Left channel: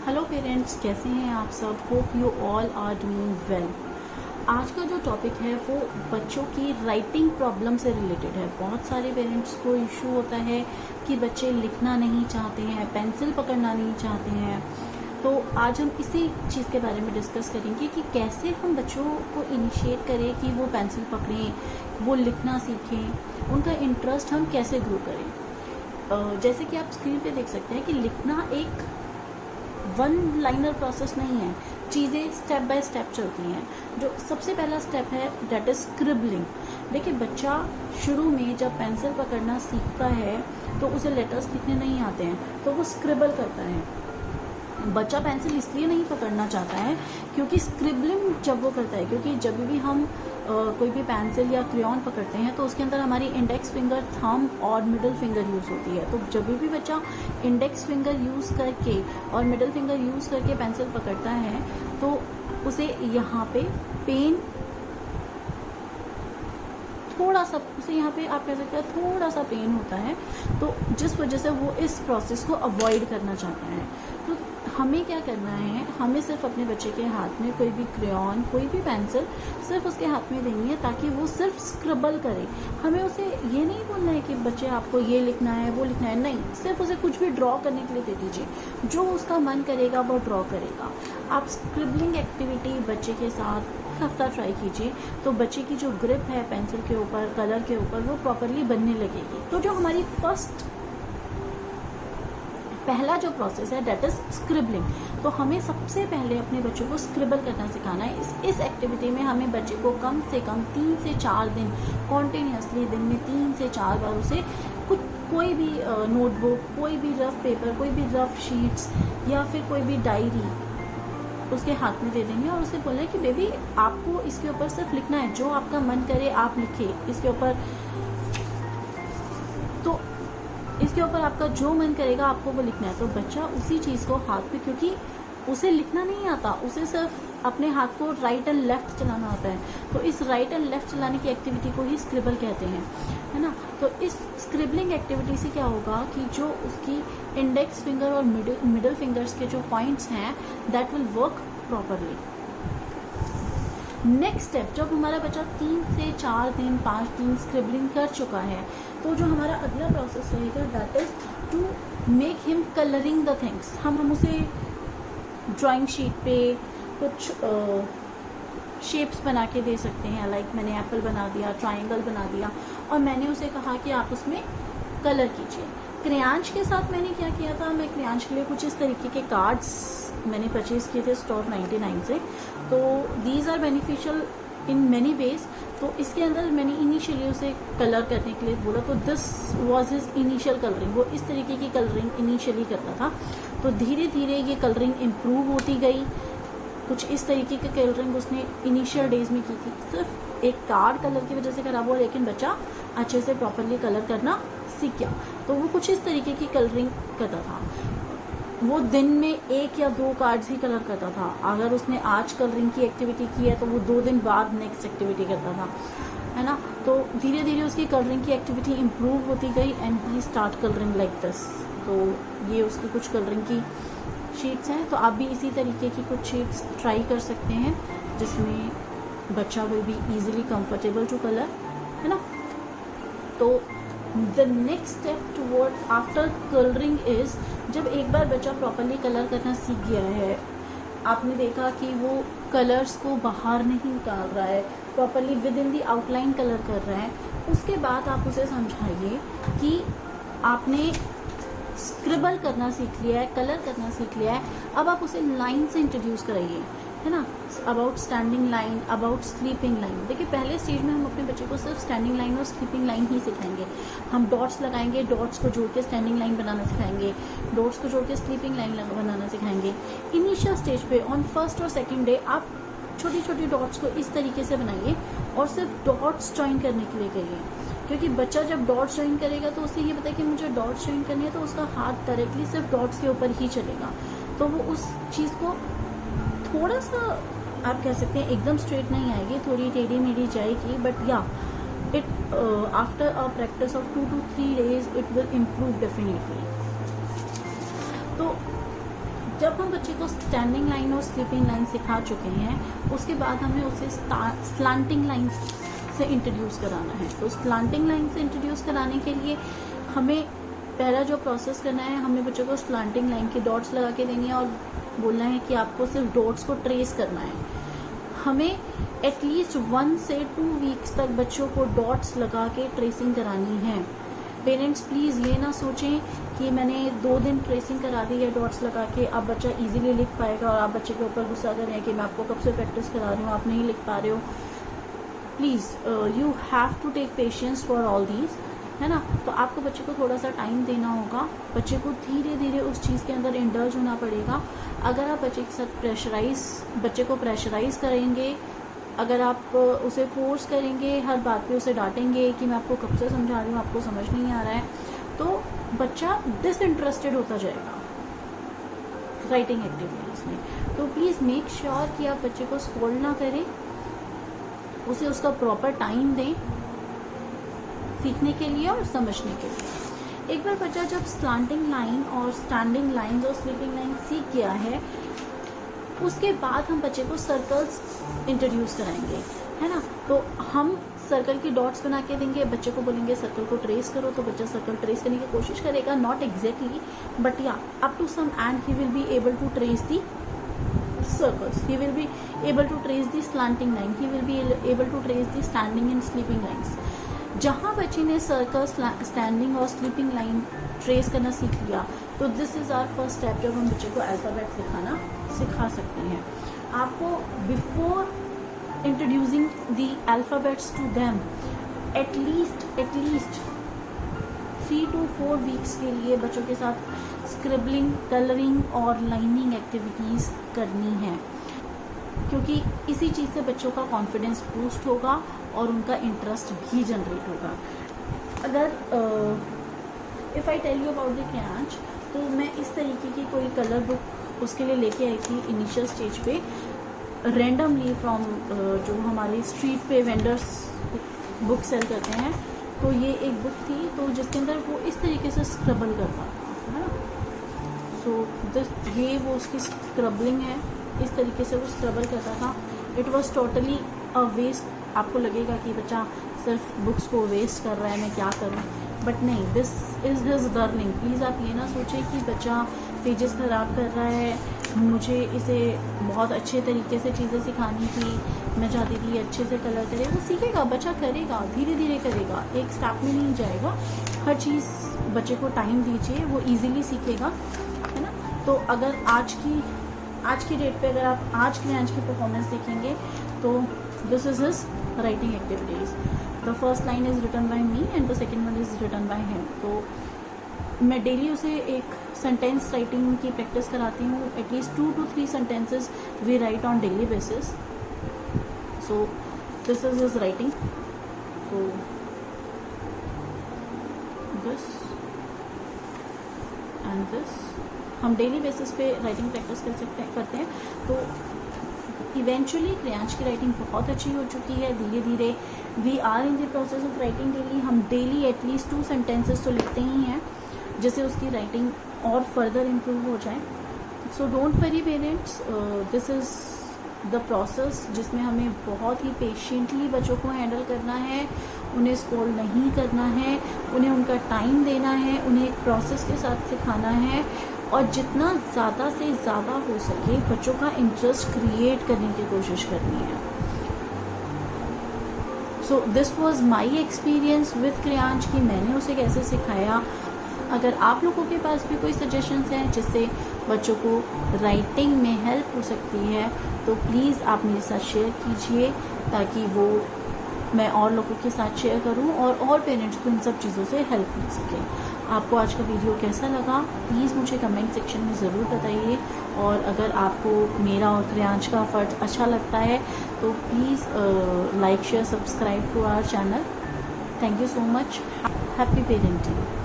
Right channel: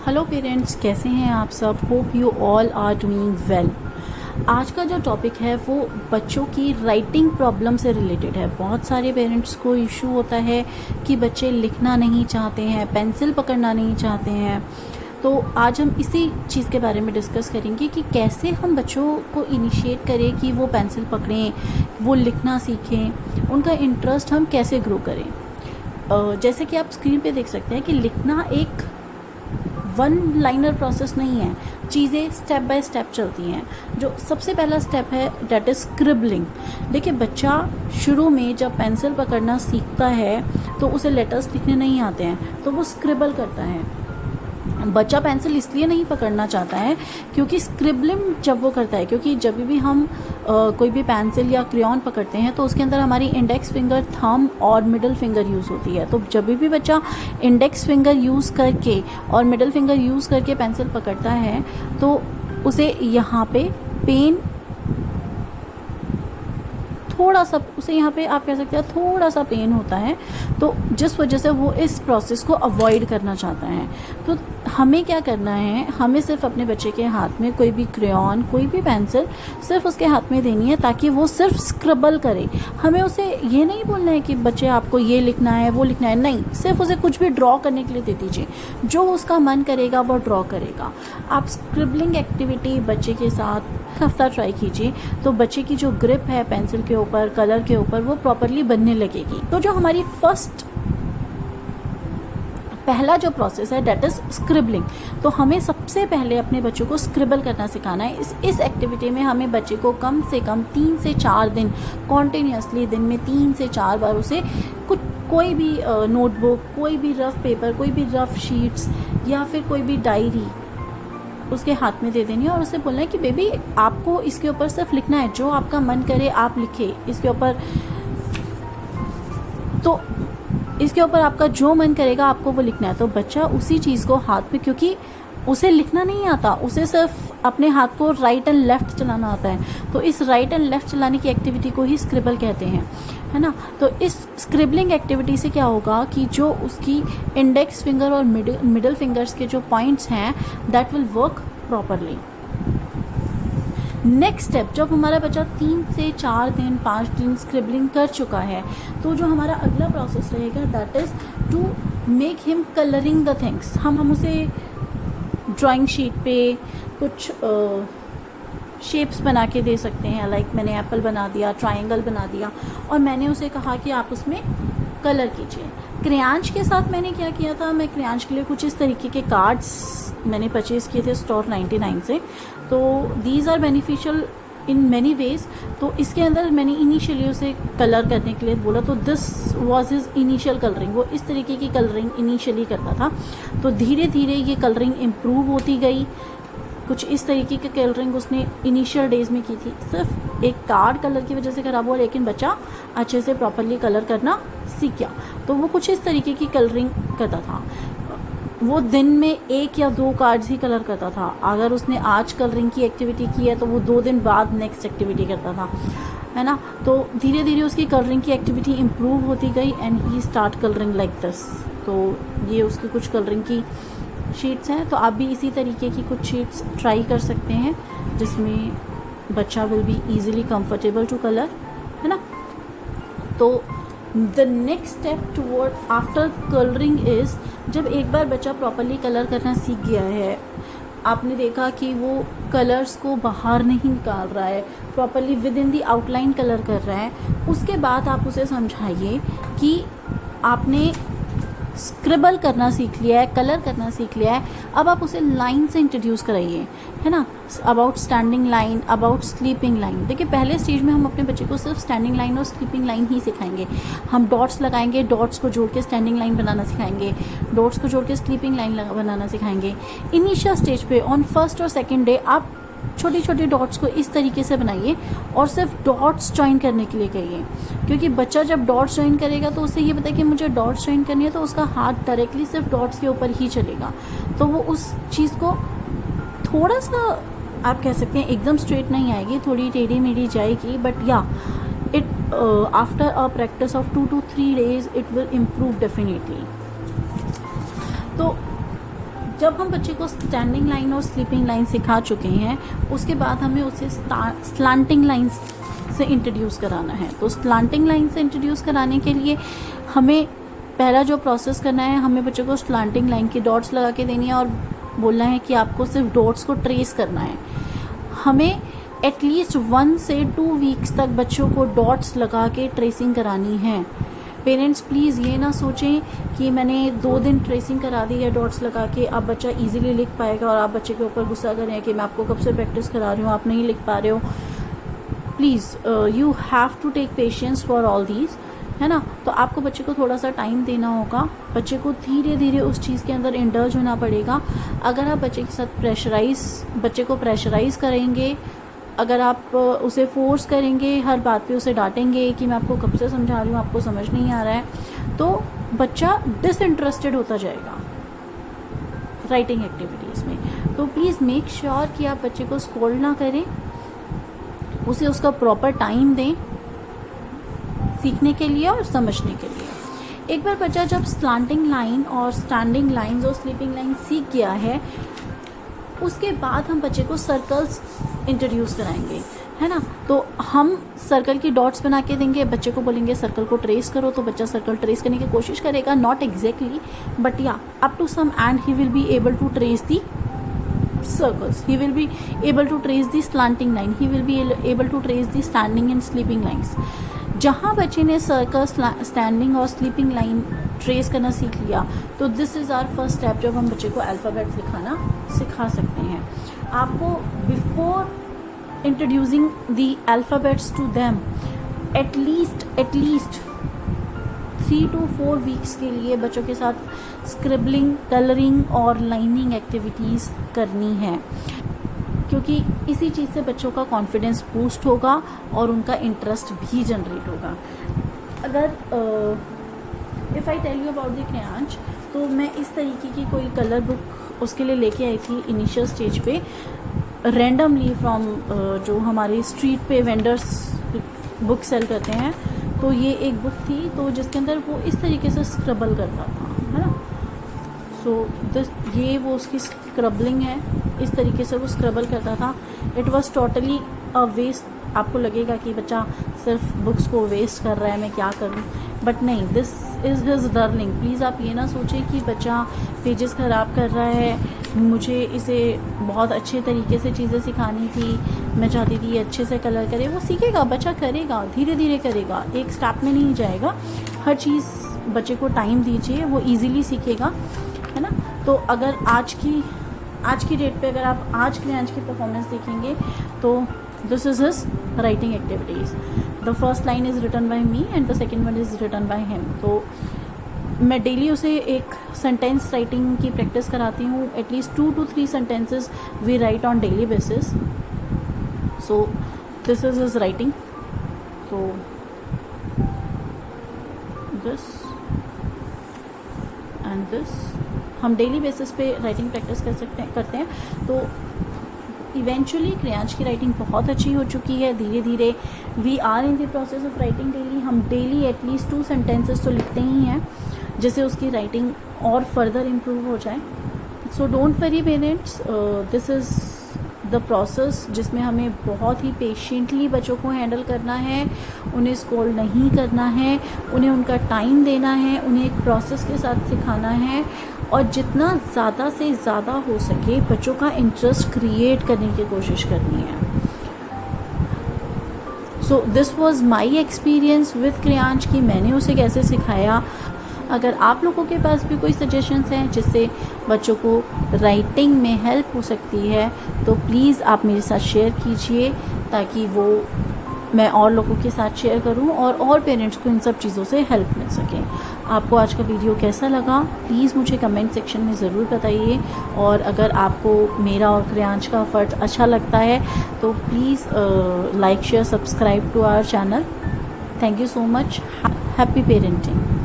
Hello parents, कैसे हैं आप सब। Hope you all are doing well. आज का जो टॉपिक है वो बच्चों की राइटिंग प्रॉब्लम से रिलेटेड है। बहुत सारे पेरेंट्स को इशू होता है कि बच्चे लिखना नहीं चाहते हैं, पेंसिल पकड़ना नहीं चाहते हैं। तो आज हम इसी चीज़ के बारे में डिस्कस करेंगे कि कैसे हम बच्चों को इनिशिएट करें कि वो पेंसिल पकड़ें, वो लिखना सीखें, उनका इंटरेस्ट हम कैसे ग्रो करें। जैसे कि आप स्क्रीन पे देख सकते हैं कि लिखना एक वन लाइनर प्रोसेस नहीं है, चीज़ें स्टेप बाय स्टेप चलती हैं। जो सबसे पहला स्टेप है दैट इज़ स्क्रिबलिंग। देखिए, बच्चा शुरू में जब पेंसिल पकड़ना सीखता है तो उसे लेटर्स लिखने नहीं आते हैं, तो वो स्क्रिबल करता है। बच्चा पेंसिल इसलिए नहीं पकड़ना चाहता है क्योंकि स्क्रिबलिंग जब वो करता है, क्योंकि जब भी हम कोई भी पेंसिल या क्रेयॉन पकड़ते हैं तो उसके अंदर हमारी इंडेक्स फिंगर, थंब और मिडिल फिंगर यूज़ होती है। तो जब भी बच्चा इंडेक्स फिंगर यूज़ करके और मिडिल फिंगर यूज़ करके पेंसिल पकड़ता है तो उसे यहाँ पे पेन थोड़ा सा, उसे यहाँ पे आप कह सकते हैं थोड़ा सा पेन होता है, तो जिस वजह से वो इस प्रोसेस को अवॉइड करना चाहता है। तो हमें क्या करना है, हमें सिर्फ अपने बच्चे के हाथ में कोई भी क्रेयॉन, कोई भी पेंसिल सिर्फ उसके हाथ में देनी है ताकि वो सिर्फ स्क्रबल करे। हमें उसे ये नहीं बोलना है कि बच्चे आपको ये लिखना है, वो लिखना है, नहीं, सिर्फ उसे कुछ भी ड्रॉ करने के लिए दे दीजिए। जो उसका मन करेगा वो ड्रॉ करेगा। आप स्क्रिबलिंग एक्टिविटी बच्चे के साथ हफ्ता ट्राई कीजिए तो बच्चे की जो ग्रिप है पेंसिल के ऊपर, कलर के ऊपर, वो प्रॉपरली बनने लगेगी। तो जो हमारी पहला जो प्रोसेस है डेट इज स्क्रिबलिंग। तो हमें सबसे पहले अपने बच्चों को स्क्रिबल करना सिखाना है। इस एक्टिविटी में हमें बच्चे को कम से कम 3 से 4 दिन कॉन्टिन्यूसली, दिन में 3 से 4 बार उसे कोई भी नोटबुक, कोई भी रफ पेपर, कोई भी रफ शीट्स या फिर कोई भी डायरी उसके हाथ में दे देनी है और उसे बोलना है कि बेबी आपको इसके ऊपर सिर्फ लिखना है, जो आपका मन करे आप लिखे इसके ऊपर। तो इसके ऊपर आपका जो मन करेगा आपको वो लिखना है। तो बच्चा उसी चीज़ को हाथ में, क्योंकि उसे लिखना नहीं आता, उसे सिर्फ अपने हाथ को राइट एंड लेफ्ट चलाना आता है। तो इस राइट एंड लेफ्ट चलाने की एक्टिविटी को ही स्क्रिबल कहते हैं, है ना। तो इस स्क्रिबलिंग एक्टिविटी से क्या होगा कि जो उसकी इंडेक्स फिंगर और मिडिल फिंगर्स के जो पॉइंट्स हैं that will work properly. Next step, जब हमारा बच्चा 3 से 4 दिन, 5 दिन स्क्रिबलिंग कर चुका है तो जो हमारा अगला प्रोसेस रहेगा that is to make him colouring the things. हम उसे ड्राइंग शीट पे कुछ शेप्स बना के दे सकते हैं। लाइक मैंने एप्पल बना दिया, ट्रायंगल बना दिया और मैंने उसे कहा कि आप उसमें कलर कीजिए। क्रेयांश के साथ मैंने क्या किया था, मैं क्रेयांश के लिए कुछ इस तरीके के कार्ड्स मैंने परचेज़ किए थे स्टोर 99 से। तो these are beneficial in many ways. तो इसके अंदर मैंने इनिशियली उसे कलर करने के लिए बोला, तो this was his initial colouring. वो इस तरीके की कलरिंग इनिशियली करता था। तो धीरे धीरे ये कलरिंग इम्प्रूव होती गई। कुछ इस तरीके की कलरिंग उसने इनिशियल डेज में की थी। सिर्फ एक कार्ड कलर की वजह से खराब हुआ, लेकिन बच्चा अच्छे से प्रॉपरली कलर करना सीख गया। तो वो कुछ इस तरीके की कलरिंग करता था। वो दिन में 1 या 2 कार्ड्स ही कलर करता था। अगर उसने आज कलरिंग की एक्टिविटी की है तो वो 2 दिन बाद नेक्स्ट एक्टिविटी करता था, है ना। तो धीरे धीरे उसकी कलरिंग की एक्टिविटी इम्प्रूव होती गई and he start colouring like this. तो ये उसकी कुछ कलरिंग की शीट्स हैं। तो आप भी इसी तरीके की कुछ शीट्स ट्राई कर सकते हैं जिसमें बच्चा will be easily comfortable to colour, है ना। तो the next step toward after colouring is, जब एक बार बच्चा प्रॉपरली कलर करना सीख गया है, आपने देखा कि वो कलर्स को बाहर नहीं निकाल रहा है, properly with in the outline colour कर रहा है, उसके बाद आप उसे समझाइए कि आपने स्क्रिबल करना सीख लिया है, कलर करना सीख लिया है, अब आप उसे लाइन से इंट्रोड्यूस कराइए, है ना। About standing line, about sleeping line. देखिए, पहले स्टेज में हम अपने बच्चे को सिर्फ स्टैंडिंग लाइन और स्लीपिंग लाइन ही सिखाएंगे। हम डॉट्स लगाएंगे, डॉट्स को जोड़ के स्टैंडिंग लाइन बनाना सिखाएंगे, डॉट्स को जोड़ के स्लीपिंग लाइन बनाना सिखाएंगे। इनिशियल स्टेज पे ऑन फर्स्ट और सेकेंड डे आप छोटी छोटी डॉट्स को इस तरीके से बनाइए और सिर्फ डॉट्स ज्वाइन करने के लिए कहिए, क्योंकि बच्चा जब डॉट्स ज्वाइन करेगा तो उसे ये पता है कि मुझे डॉट्स ज्वाइन करनी है, तो उसका हाथ डायरेक्टली सिर्फ डॉट्स के ऊपर ही चलेगा। तो वो उस चीज़ को थोड़ा सा, आप कह सकते हैं एकदम स्ट्रेट नहीं आएगी, थोड़ी टेढ़ी मेढ़ी जाएगी, बट या it after a practice of 2 to 3 days it will improve definitely. तो जब हम बच्चे को स्टैंडिंग लाइन और स्लीपिंग लाइन सिखा चुके हैं, उसके बाद हमें उसे स्लांटिंग लाइन से इंट्रोड्यूस कराना है। तो स्लांटिंग लाइन से इंट्रोड्यूस कराने के लिए हमें पहला जो प्रोसेस करना है, हमें बच्चों को स्लांटिंग लाइन की डॉट्स लगा के देनी है और बोलना है कि आपको सिर्फ डॉट्स को ट्रेस करना है। हमें एटलीस्ट 1 से 2 वीक्स तक बच्चों को डॉट्स लगा के ट्रेसिंग करानी है। पेरेंट्स प्लीज़ ये ना सोचें कि मैंने 2 दिन ट्रेसिंग करा दी है डॉट्स लगा के, अब बच्चा इजीली लिख पाएगा और आप बच्चे के ऊपर गुस्सा कर रहे हैं कि मैं आपको कब से प्रैक्टिस करा रही हूँ, आप नहीं लिख पा रहे हो। Please you have to take patience for all these, है ना। तो आपको बच्चे को थोड़ा सा टाइम देना होगा, बच्चे को धीरे धीरे उस चीज़ के अंदर इंडल्ज होना पड़ेगा। अगर आप बच्चे के साथ बच्चे को प्रेशराइज करेंगे, अगर आप उसे फोर्स करेंगे, हर बात पे उसे डांटेंगे कि मैं आपको कब से समझा रही हूँ, आपको समझ नहीं आ रहा है, तो बच्चा डिसइंटरेस्टेड होता जाएगा राइटिंग एक्टिविटीज़ में। तो प्लीज़ मेक श्योर कि आप बच्चे को स्कोल्ड ना करें, उसे उसका प्रॉपर टाइम दें सीखने के लिए और समझने के लिए। एक बार बच्चा जब स्लांटिंग लाइन और स्टैंडिंग लाइंस और स्लीपिंग लाइन सीख गया है, उसके बाद हम बच्चे को सर्कल्स इंट्रोड्यूस कराएंगे, है ना। तो हम सर्कल की डॉट्स बना के देंगे, बच्चे को बोलेंगे सर्कल को ट्रेस करो, तो बच्चा सर्कल ट्रेस करने की कोशिश करेगा, not exactly but yeah up to some end he will be able to trace the circles, he will be able to trace the slanting line, he will be able to trace the standing and sleeping lines। जहाँ बच्चे ने circle, standing और sleeping line trace करना सीख लिया, तो this is our first step जब हम बच्चे को अल्फ़ाबेट्स लिखाना सिखा सकते हैं। आपको before introducing the alphabets to them at least 3 to 4 weeks के लिए बच्चों के साथ स्क्रिबलिंग, कलरिंग और लाइनिंग एक्टिविटीज़ करनी है, क्योंकि इसी चीज़ से बच्चों का कॉन्फिडेंस बूस्ट होगा और उनका इंटरेस्ट भी जनरेट होगा। अगर if I tell you about the crayons, तो मैं इस तरीके की कोई कलर बुक उसके लिए लेके आई थी इनिशियल स्टेज पे, रैंडमली फ्रॉम जो हमारे स्ट्रीट पे वेंडर्स बुक सेल करते हैं। तो ये एक बुक थी, तो जिसके अंदर वो इस तरीके से स्क्रबल करता था, है ना। सो ये वो उसकी स्क्रबलिंग है, इस तरीके से वो स्क्रबल करता था। It was totally a waste. आपको लगेगा कि बच्चा सिर्फ बुक्स को वेस्ट कर रहा है, मैं क्या करूं, बट नहीं, this is his learning. Please आप ये ना सोचें कि बच्चा पेजेस ख़राब कर रहा है, मुझे इसे बहुत अच्छे तरीके से चीज़ें सिखानी थी, मैं चाहती थी अच्छे से कलर करे। वो सीखेगा, बच्चा करेगा, धीरे धीरे करेगा, एक स्टेप में नहीं जाएगा। हर चीज़ बच्चे को टाइम दीजिए, वो इजीली सीखेगा, है ना। तो अगर आज की डेट पे अगर आप आज की परफॉर्मेंस देखेंगे, तो this is his writing activities. The first line is written by me and the second one is written by him. तो मैं डेली उसे एक सेंटेंस राइटिंग की प्रैक्टिस कराती हूँ। At least 2 to 3 sentences we write on daily basis. So this is his writing. तो this and this हम daily basis पे राइटिंग प्रैक्टिस करते हैं। तो इवेंचुअली क्रेयॉन्स की राइटिंग बहुत अच्छी हो चुकी है। धीरे धीरे we are in the process of writing daily. हम डेली एटलीस्ट 2 sentences तो लिखते ही हैं, जिससे उसकी राइटिंग और फर्दर इम्प्रूव हो जाए। So don't worry parents, this is the process जिसमें हमें बहुत ही पेशेंटली बच्चों को हैंडल करना है, उन्हें स्कोल्ड नहीं करना है, उन्हें उनका टाइम देना है, उन्हें एक प्रोसेस के साथ सिखाना है और जितना ज़्यादा से ज़्यादा हो सके बच्चों का इंटरेस्ट क्रिएट करने की कोशिश करनी है। So this was my experience with crayons कि मैंने उसे कैसे सिखाया। अगर आप लोगों के पास भी कोई सजेशंस हैं जिससे बच्चों को राइटिंग में हेल्प हो सकती है, तो प्लीज़ आप मेरे साथ शेयर कीजिए, ताकि वो मैं और लोगों के साथ शेयर करूं और पेरेंट्स को इन सब चीज़ों से हेल्प मिल सके। आपको आज का वीडियो कैसा लगा प्लीज़ मुझे कमेंट सेक्शन में ज़रूर बताइए। और अगर आपको मेरा और क्रेयॉन्स का एफर्ट अच्छा लगता है तो please like share subscribe to our channel. Thank you so much. Happy parenting.